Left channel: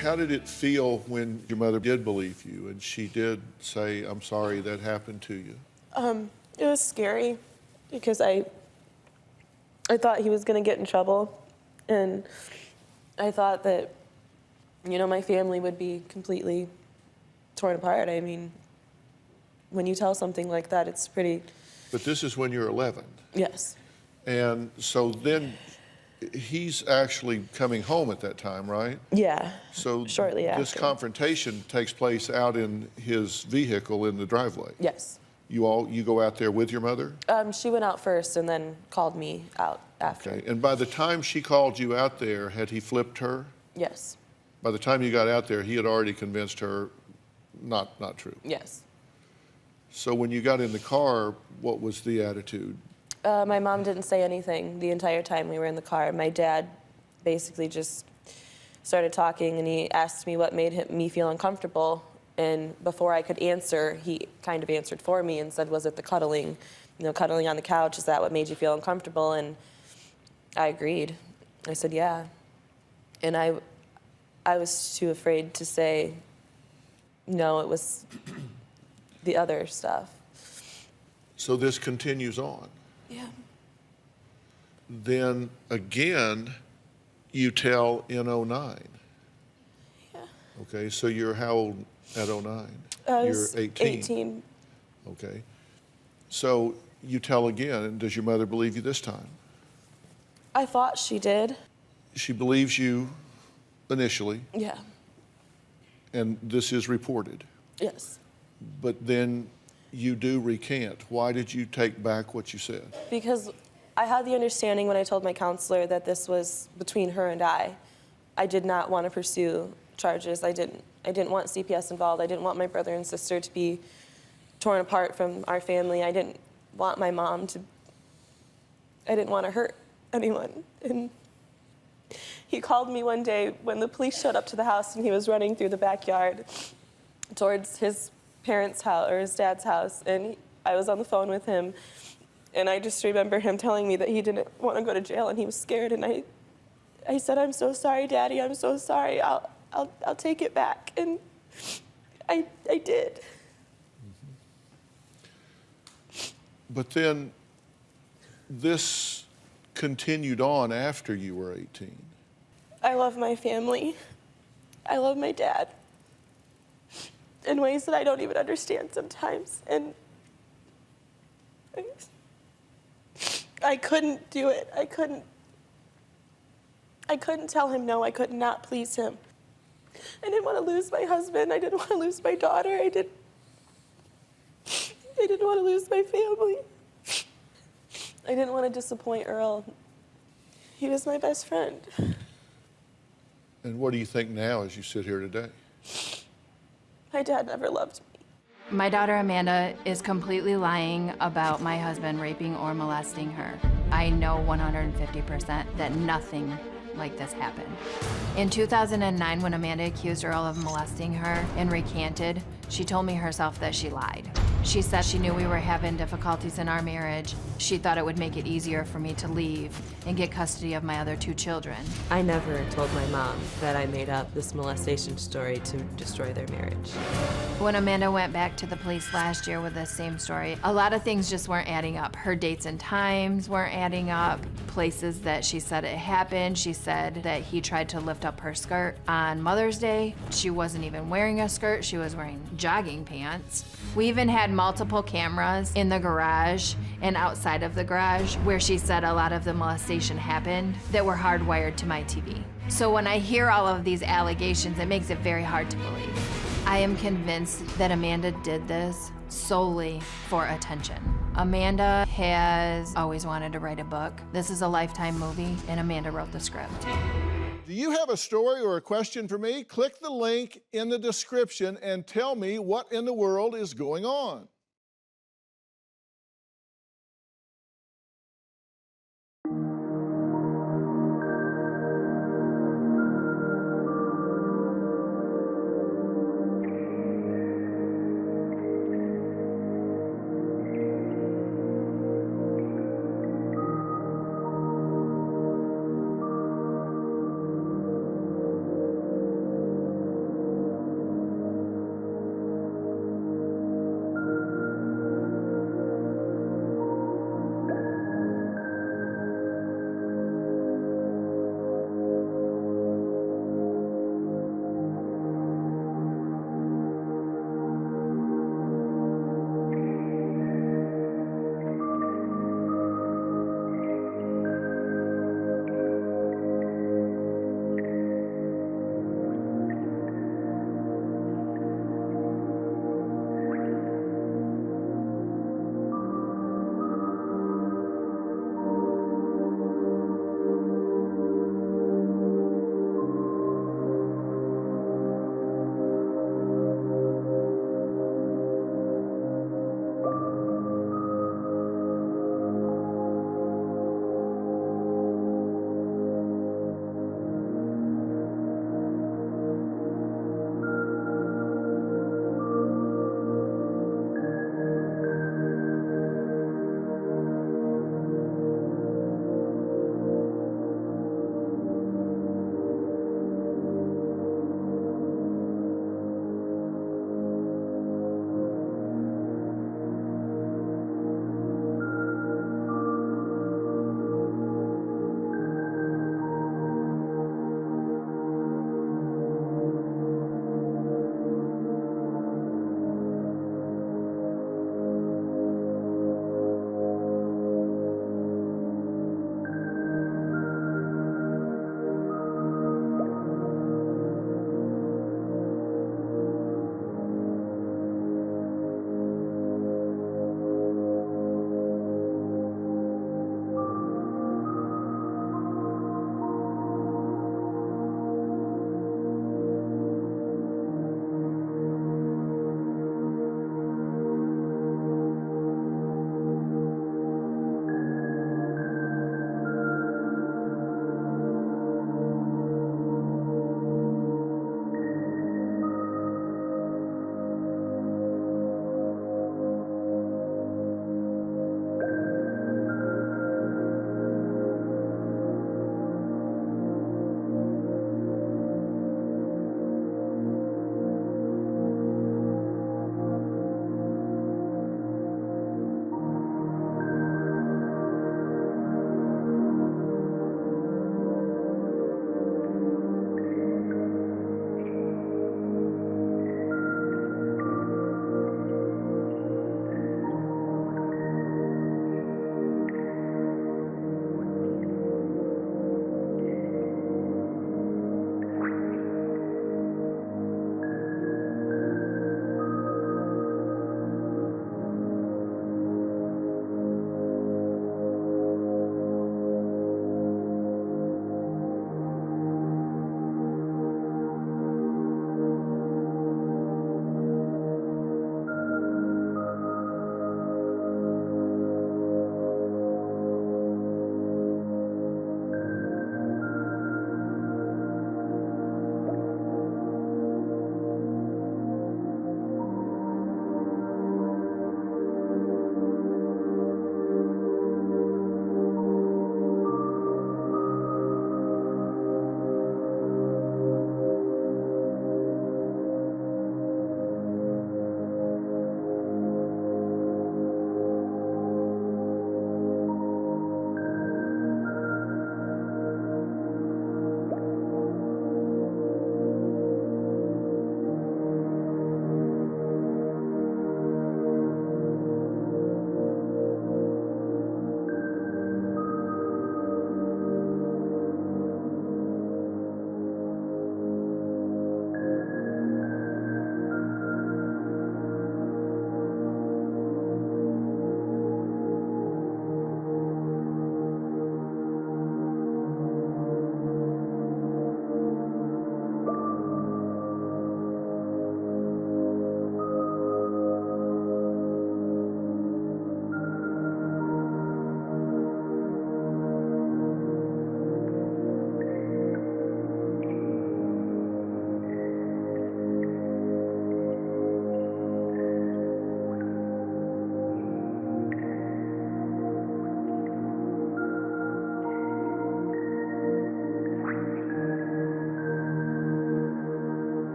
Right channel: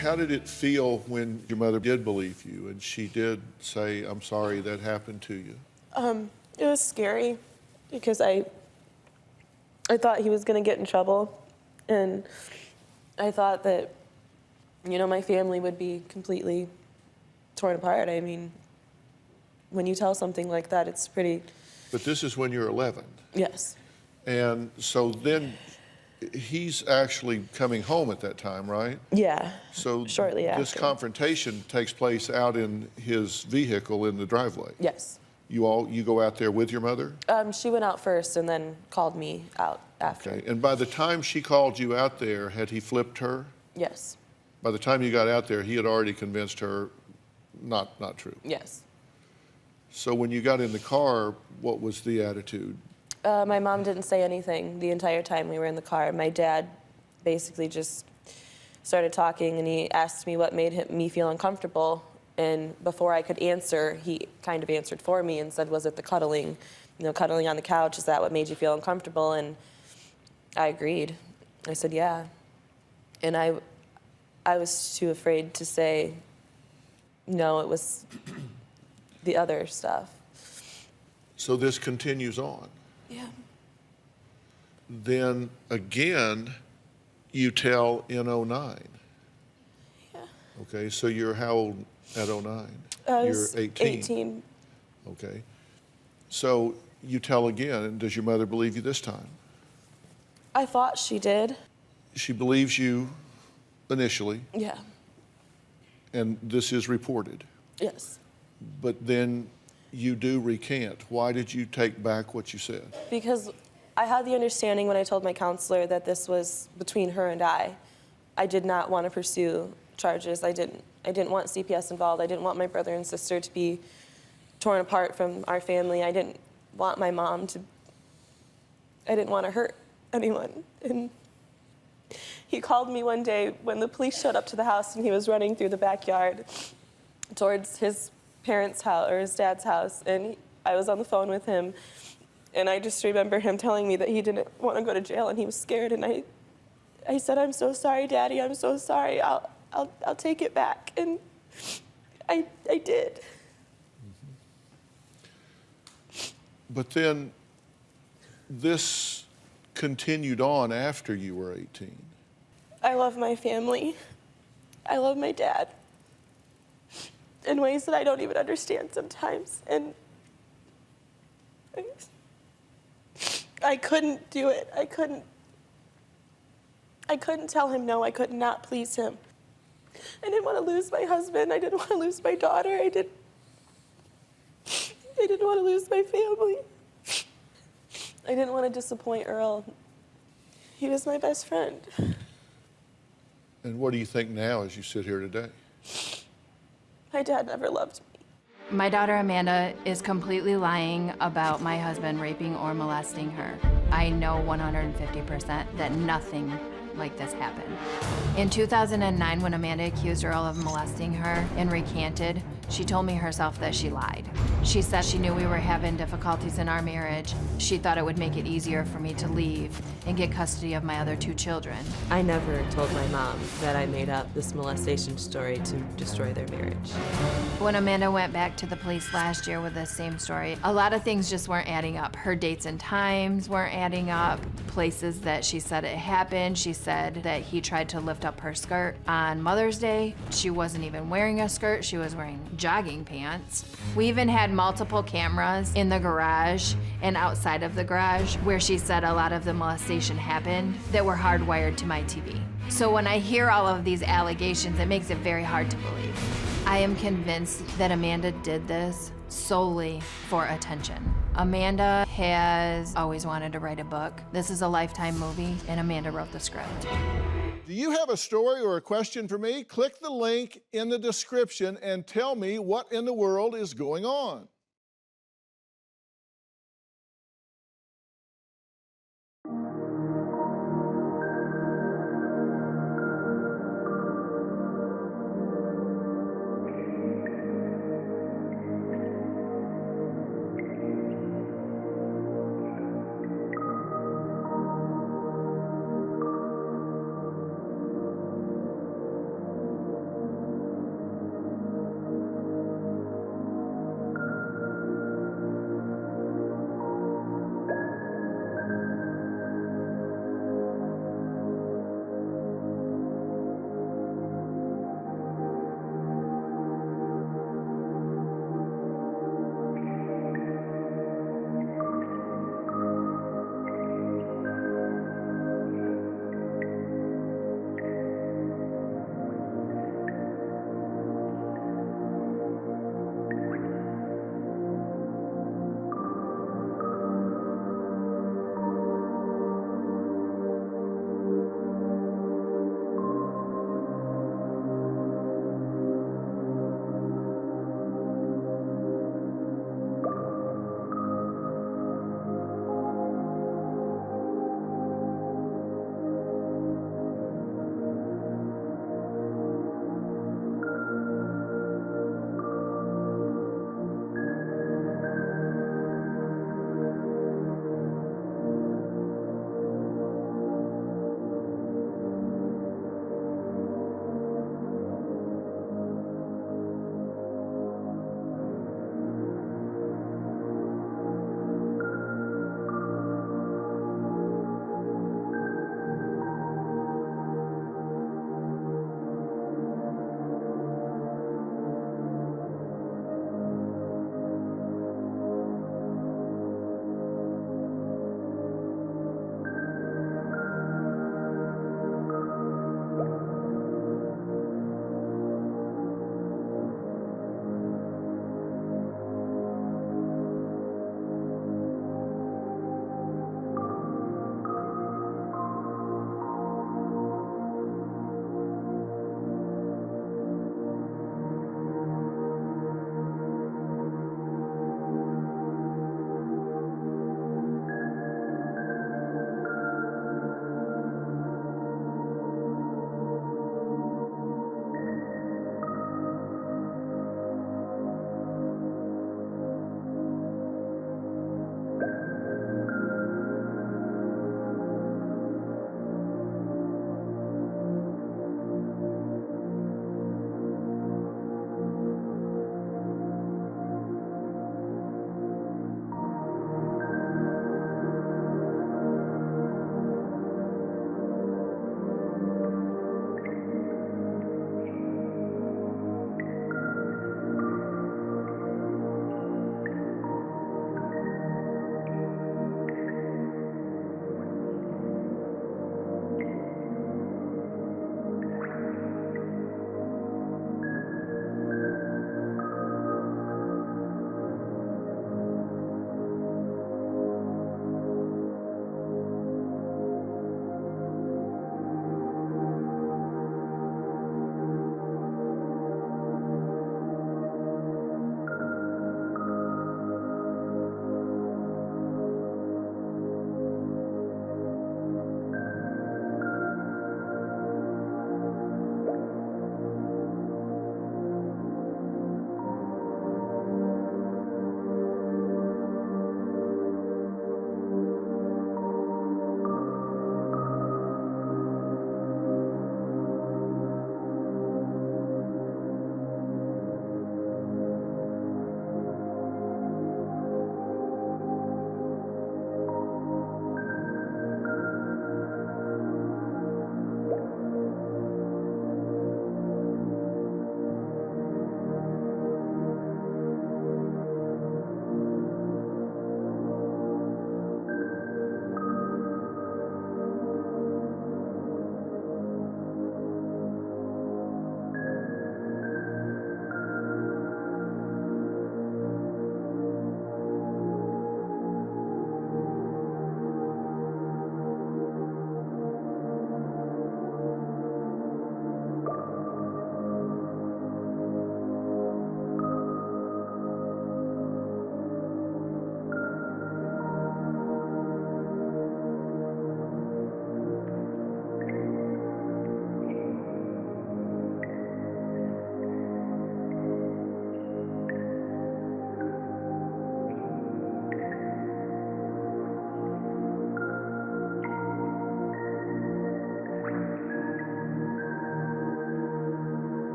How did it feel when your mother did believe you and she did say, I'm sorry that happened to you? It was scary because I thought he was going to get in trouble, and I thought that, my family would be completely torn apart. I mean, when you tell something like that, it's pretty... But this is when you're 11. Yes. And so then he's actually coming home at that time, right? Yeah, So shortly after. this confrontation takes place out in his vehicle in the driveway. Yes. You go out there with your mother? She went out first and then called me out after. Okay. And by the time she called you out there, had he flipped her? Yes. By the time you got out there, he had already convinced her not true. Yes. So when you got in the car, what was the attitude? My mom didn't say anything the entire time we were in the car. My dad basically just started talking, and he asked me what made me feel uncomfortable. And before I could answer, he kind of answered for me and said, was it the cuddling? Cuddling on the couch, is that what made you feel uncomfortable? And I agreed. I said, yeah. And I was too afraid to say, no, it was the other stuff. So this continues on. Yeah. Then again, you tell in '09. Yeah. Okay, so you're how old at '09? I You're was 18. 18. Okay. So you tell again, and does your mother believe you this time? I thought she did. She believes you initially, Yeah. and this is reported. Yes. But then you do recant. Why did you take back what you said? Because I had the understanding when I told my counselor that this was between her and I. I did not want to pursue charges. I didn't want CPS involved. I didn't want my brother and sister to be torn apart from our family. I didn't want my mom to... I didn't want to hurt anyone. And he called me one day when the police showed up to the house, and he was running through the backyard towards his parents' house, or his dad's house, and I was on the phone with him, and I just remember him telling me that he didn't want to go to jail and he was scared, and I said, I'm so sorry, Daddy, I'm so sorry, I'll take it back, and I did. But then this continued on after you were 18. I love my family. I love my dad in ways that I don't even understand sometimes, and I couldn't do it. I couldn't tell him no. I could not please him. I didn't want to lose my husband. I didn't want to lose my daughter. I didn't want to lose my family. I didn't want to disappoint Earl. He was my best friend. And what do you think now as you sit here today? My dad never loved me. My daughter Amanda is completely lying about my husband raping or molesting her. I know 150% that nothing like this happened. In 2009, when Amanda accused Earl of molesting her and recanted, she told me herself that she lied. She said she knew we were having difficulties in our marriage. She thought it would make it easier for me to leave and get custody of my other 2 children. I never told my mom that I made up this molestation story to destroy their marriage. When Amanda went back to the police last year with the same story, a lot of things just weren't adding up. Her dates and times weren't adding up. Places that she said it happened, she said that he tried to lift up her skirt on Mother's Day. She wasn't even wearing a skirt, she was wearing jogging pants. We even had multiple cameras in the garage and outside of the garage where she said a lot of the molestation happened that were hardwired to my TV. So when I hear all of these allegations, it makes it very hard to believe. I am convinced that Amanda did this solely for attention. Amanda has always wanted to write a book. This is a Lifetime movie, and Amanda wrote the script. Do you have a story or a question for me? Click the link in the description and tell me what in the world is going on.